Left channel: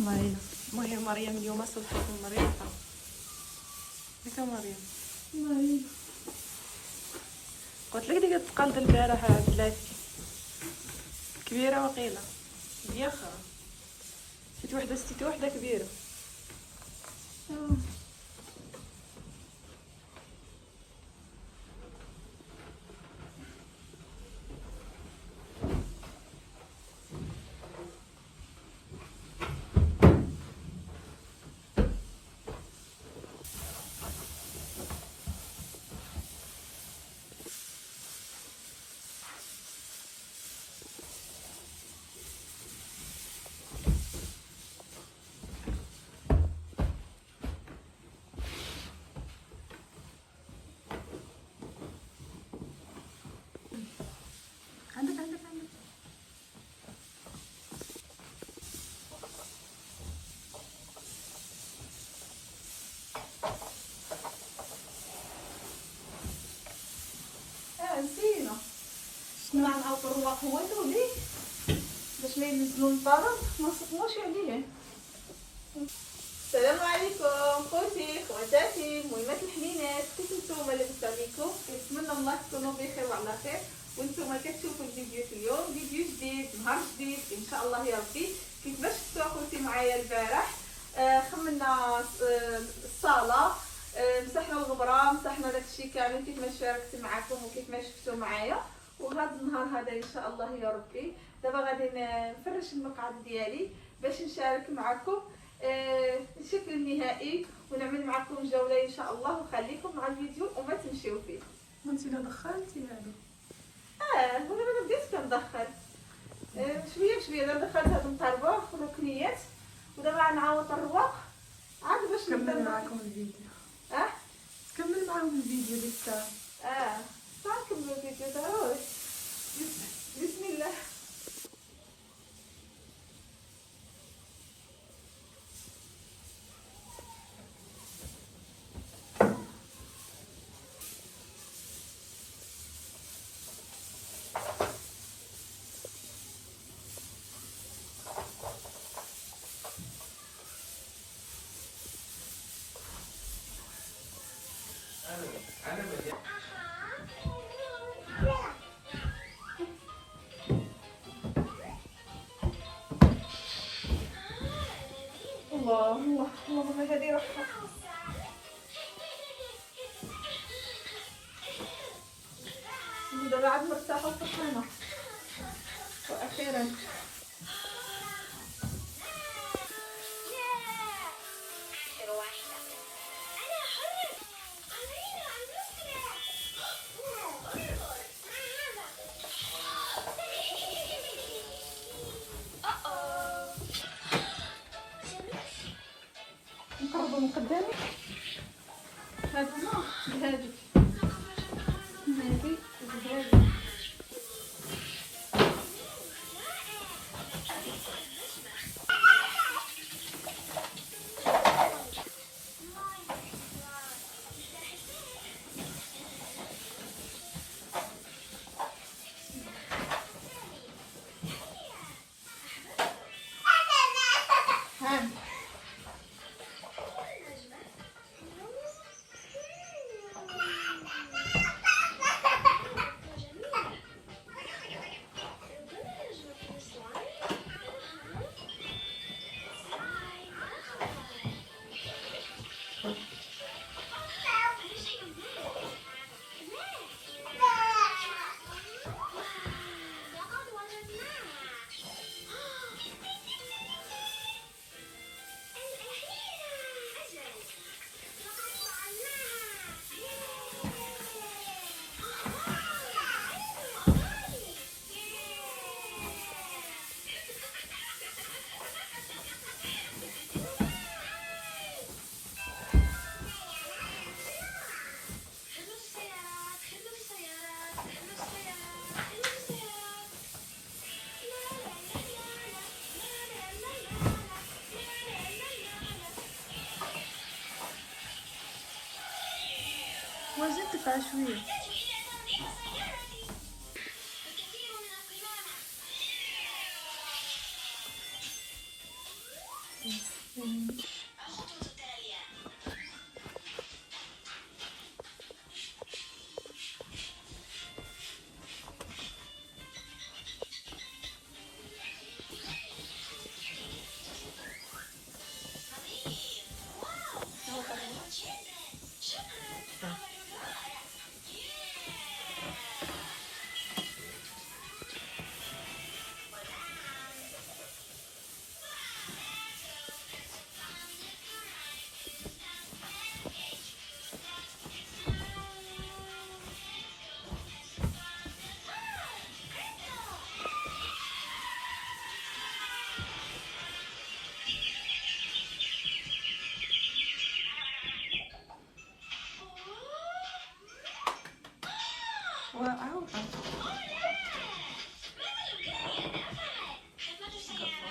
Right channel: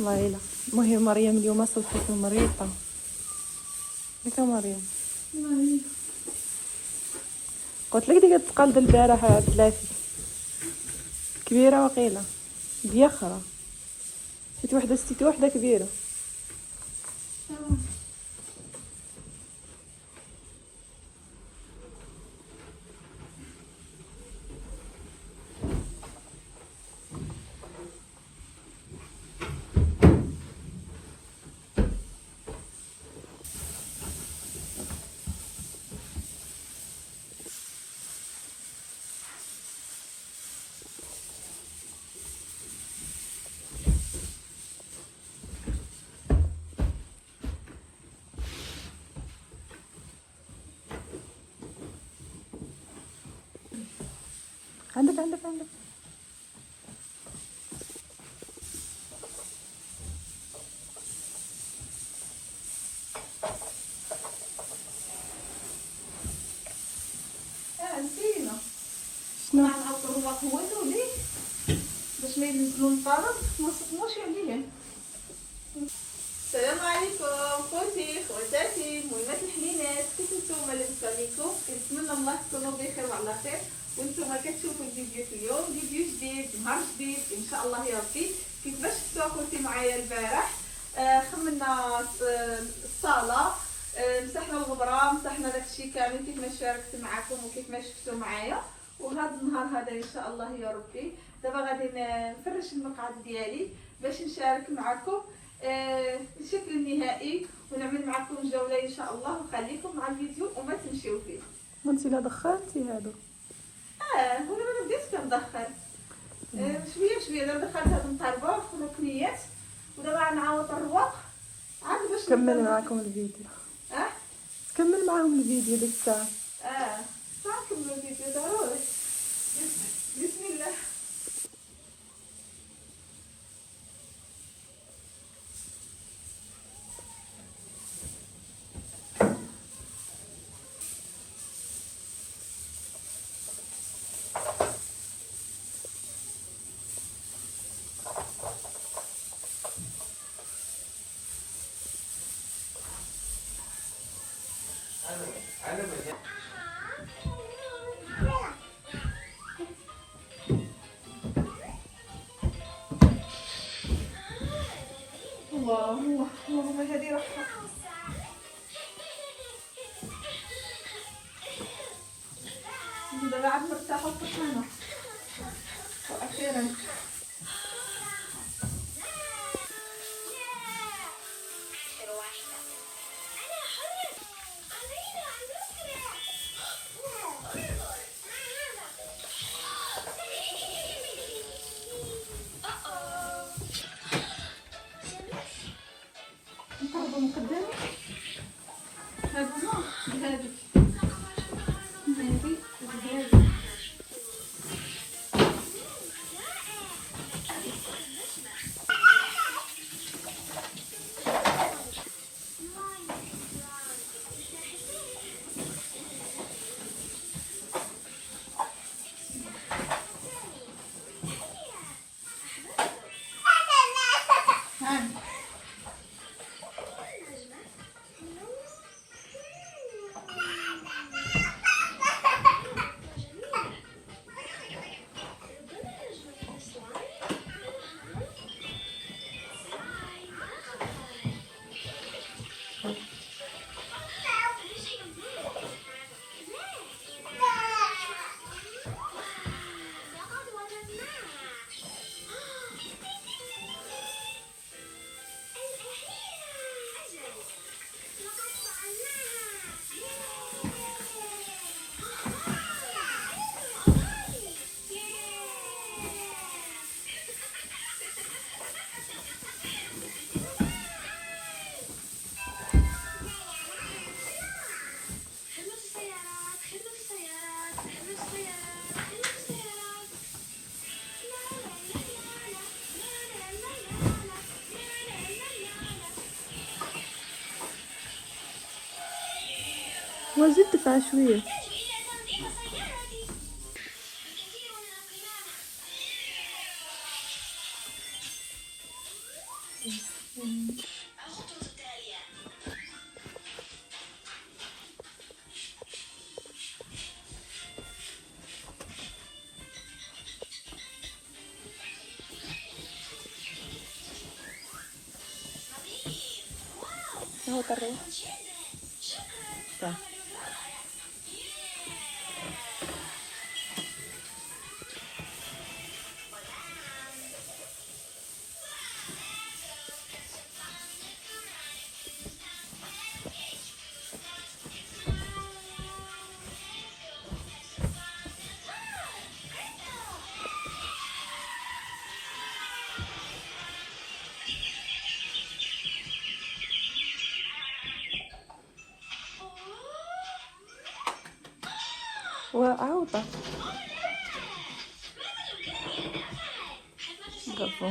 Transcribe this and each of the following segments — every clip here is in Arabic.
والله. المهم مريم اليوم صوتت مريضة. ياك مريم؟ قلت لك ديك التقلد البارح بلاتي كبيرة وقيلة بيخرة. ستيت وحدة كبيرة. عندك نسينا مع الطروق قوته ليه باش ما ينزلوا الفرض ما صدقوش عليه. السلام عليكم خوتي خواتاتي مهمات الحنينات، كيف نتوما لاباس عليكم؟ كنتمنى الله تكونوا بخير وعلى خير وانتم كتشوفوا الفيديو اليوم. فيديو جديد نهار جديد ان شاء الله يا ربي. كيفاش شفتوا اخوتي معايا البارح خملنا الصاله، مسحنا الغبره، مسحنا داكشي كامل كيف ما شاركت معكم وكيف ما شفتوا معايا. وهذا النهار هذا ان شاء الله يا ربي دابا غادي نفرش المقعد ديالي باش نشارك معكم الشكل النهائي ونعمل معكم جوله ان شاء الله. وخليكم مع الفيديو وما تمشيو فيه. وانت لا دخلتي هادو؟ وانا ما بديتش كندخل شويه دابا دخلت هاد الطربوخ والركنيات ودابا غنعاود الرواق عاد باش كمل معكم الفيديو. كمل معاهم الفيديو ديك الساعه. نكملوا الفيديو ضروري. بسم الله. الله هذه رحمة. دابا عاد مرتاحة وفرحانة وأخيرا. نقربوا من قدامي هذا بهادي بهادي. وزيد دفع شويه. اهو قرب. طيب. وعوضة قفو.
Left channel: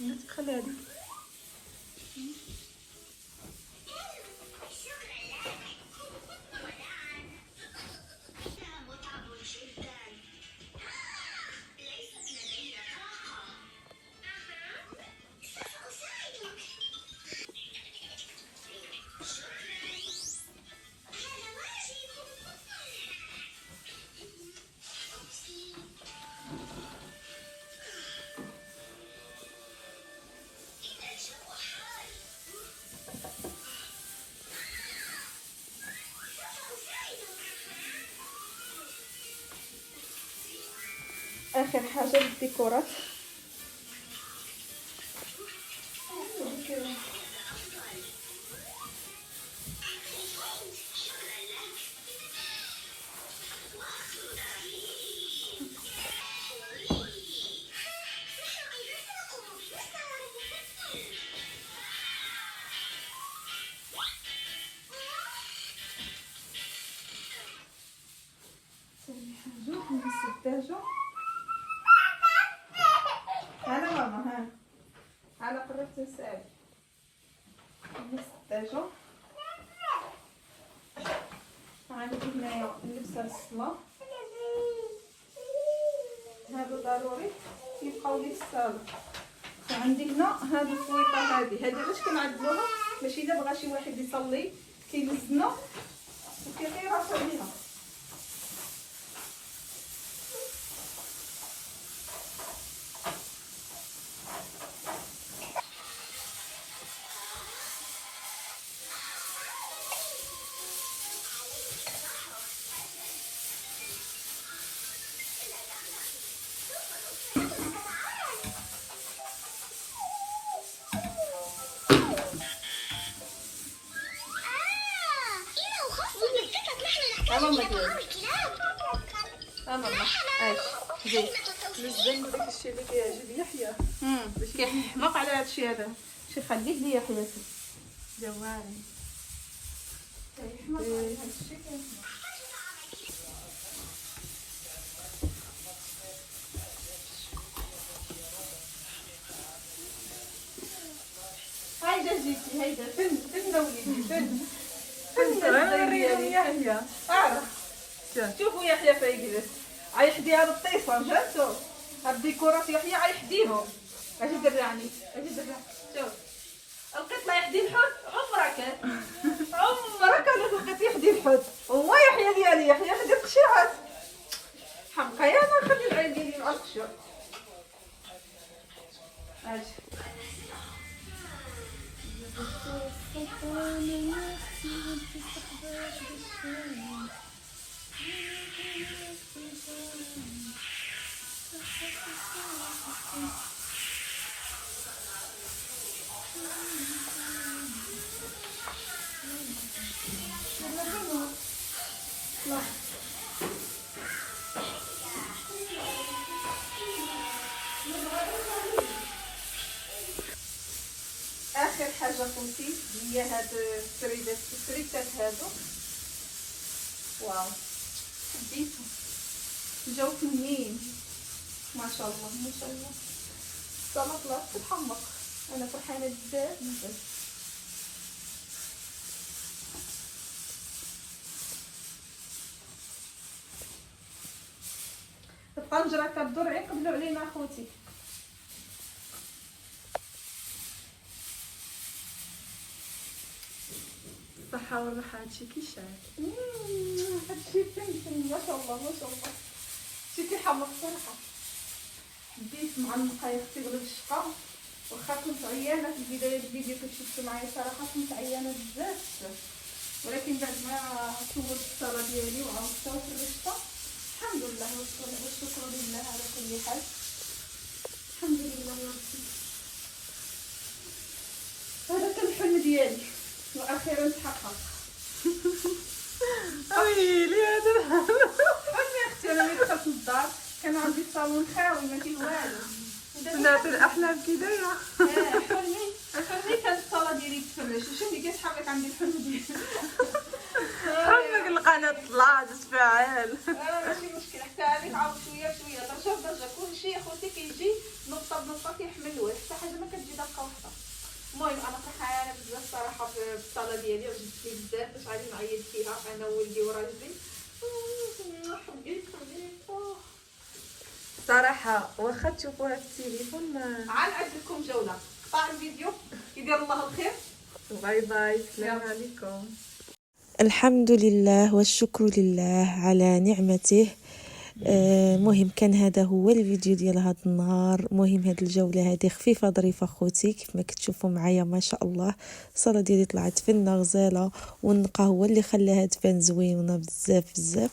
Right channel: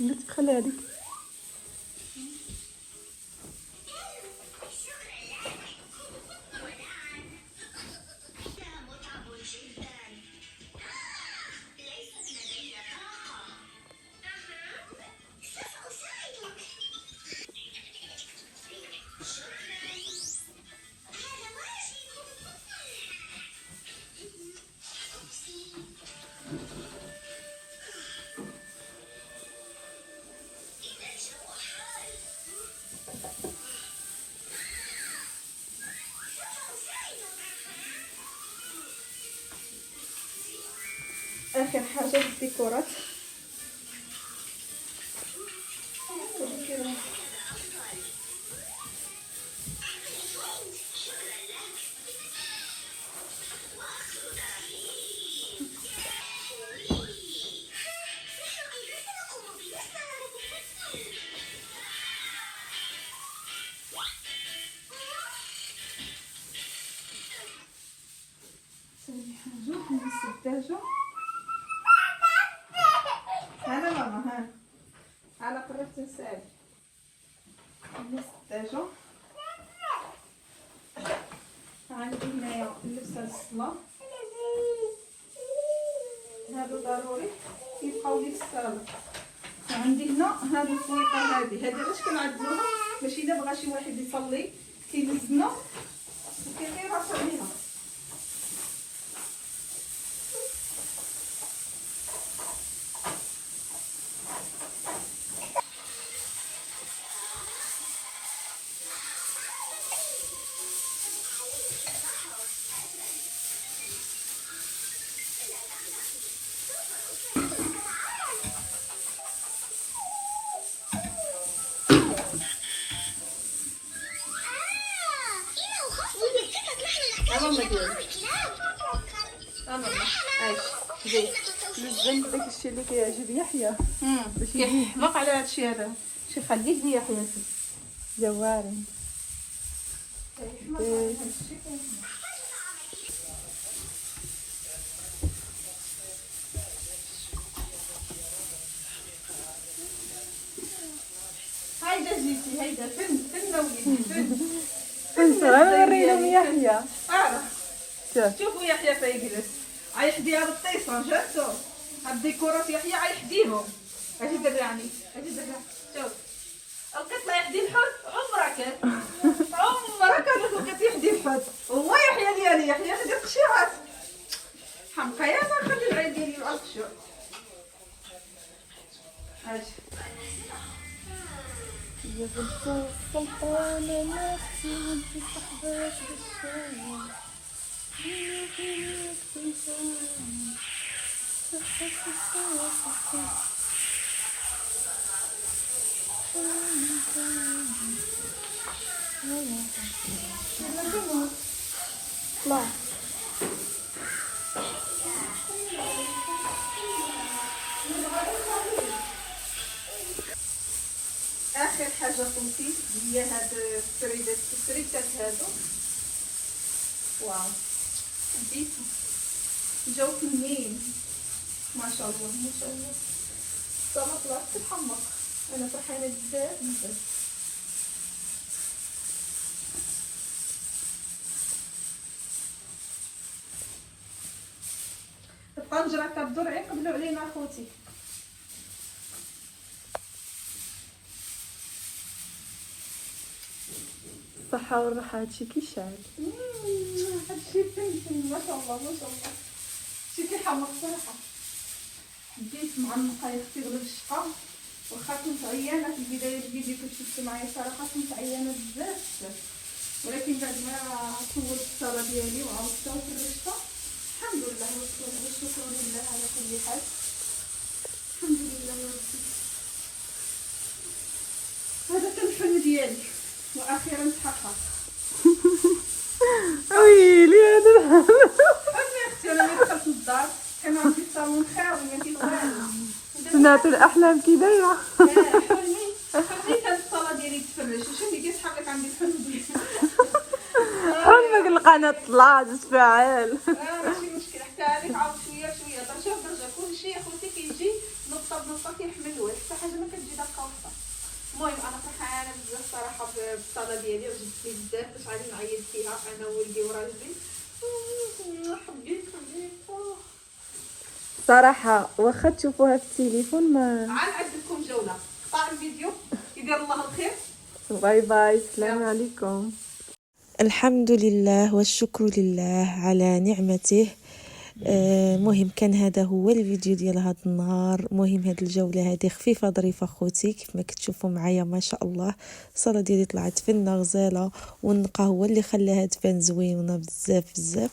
ندخل هذه. اخر حاجه الديكورات. السداجه هلا ماما ها على قربت نسال السداجه. عندي هنايا اللبسه الصلاه هادو ضروري يبقاو لي في الصاله. وعندي هنا هاد الفويطه هادي علاش كنعدلوها باش الا بغى شي واحد يصلي كيلزمو وكيطير راسو عليها. ماما ديالي ماما اش زيد الشيء اللي كيعجب يحيى كيحماق على هادشي هذا. شي خليك ليا حياتي جواري. هايدا جيتي هايدا فين وليدي فين غنوري لهم يحيى. شوفوا يحيى فيجلس عايحدي هاد الطيصه جاتو هاد الديكورات يحيى عايحديهم. اجي درعني اجي درعني شوف القط لا يحدي الحوت عمرك لقيت يحدي الحوت هو يحيى ديالي يحيى حدي القشيرات حمقى يا ما خلي العين ديالي القشور. اجي اخر حاجه قمتي هي هاد التريدات هادو. واو حبيتهم جاو فنين ما شاء الله ما شاء الله. السلطه لا تتحمق انا فرحانه بزاف بزاف. الطنجره كدور يقبلوا علينا اخوتي. الصحة والراحة هادشي كيشعل. هادشي فين ما شاء الله ما شاء الله. شي كيحمق صراحه. بديت معلقه يا اختي غلب الشقه واخا كنت عيانه في بدايه الفيديو كنت شفتو معايا صراحه كنت عيانه بزاف ولكن بعد ما صورت الصاله ديالي وعاودتها وفرشتها الحمد لله والشكر لله على كل حال. الحمد لله يا ربي. هذا كان الحلم ديالي واخيرا تحقق. ويلي هذا انا يا اختي انا ملي دخلت للدار كان عندي الصالون خاوي ما فيه والو. صنعت الاحلام كي دايره. حلمي كانت الصاله ديالي تفرش واش اللي كيتحرك عندي الحلم ديالي. حلمك القناه طلعت تفاعل. ماشي مشكل حتى هذيك عاود شويه درجه بدرجه كلشي يا خوتي كيجي نقطه بنقطه كيحمل الوجه حتى حاجه ما كتجي دقه واحده. المهم انا فرحانه بزاف صراحه بالصاله ديالي وعجبتني بزاف باش غادي نعيط فيها انا وولدي وراجلي. حبيت صراحه واخا تشوفوها في التليفون ما. عاد نعد لكم جوله قطع الفيديو يدير الله الخير. باي باي السلام عليكم. الحمد لله والشكر لله على نعمته. مهم كان هذا هو الفيديو ديال هذا النهار. مهم هذه الجوله هذه خفيفه ظريفه خوتي كيف ما كتشوفوا معايا ما شاء الله. الصاله ديالي طلعت فنه غزاله والنقا هو اللي خلاها تبان زوينه بزاف بزاف.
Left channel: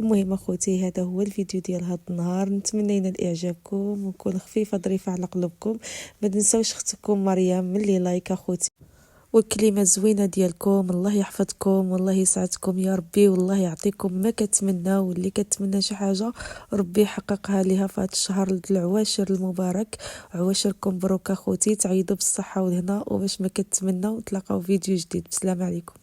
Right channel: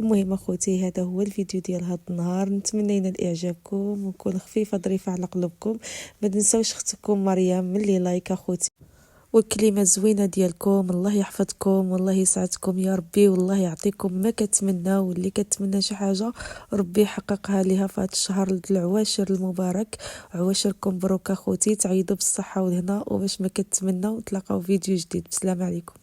المهم اخوتي هذا هو الفيديو ديال هذا النهار. نتمنى ينال اعجابكم ويكون خفيفه ظريفه على قلوبكم. ما تنساوش اختكم مريم ملي لايك اخوتي والكلمة زوينة ديالكم. الله يحفظكم والله يسعدكم يا ربي والله يعطيكم ما كتمنى. واللي كتمنى شي حاجة ربي يحققها ليها في هذا الشهر العواشر المبارك. عواشركم مبروك اخوتي تعيدوا بالصحة والهنا وباش ما كتمنوا تلاقاو فيديو جديد. بسلام عليكم.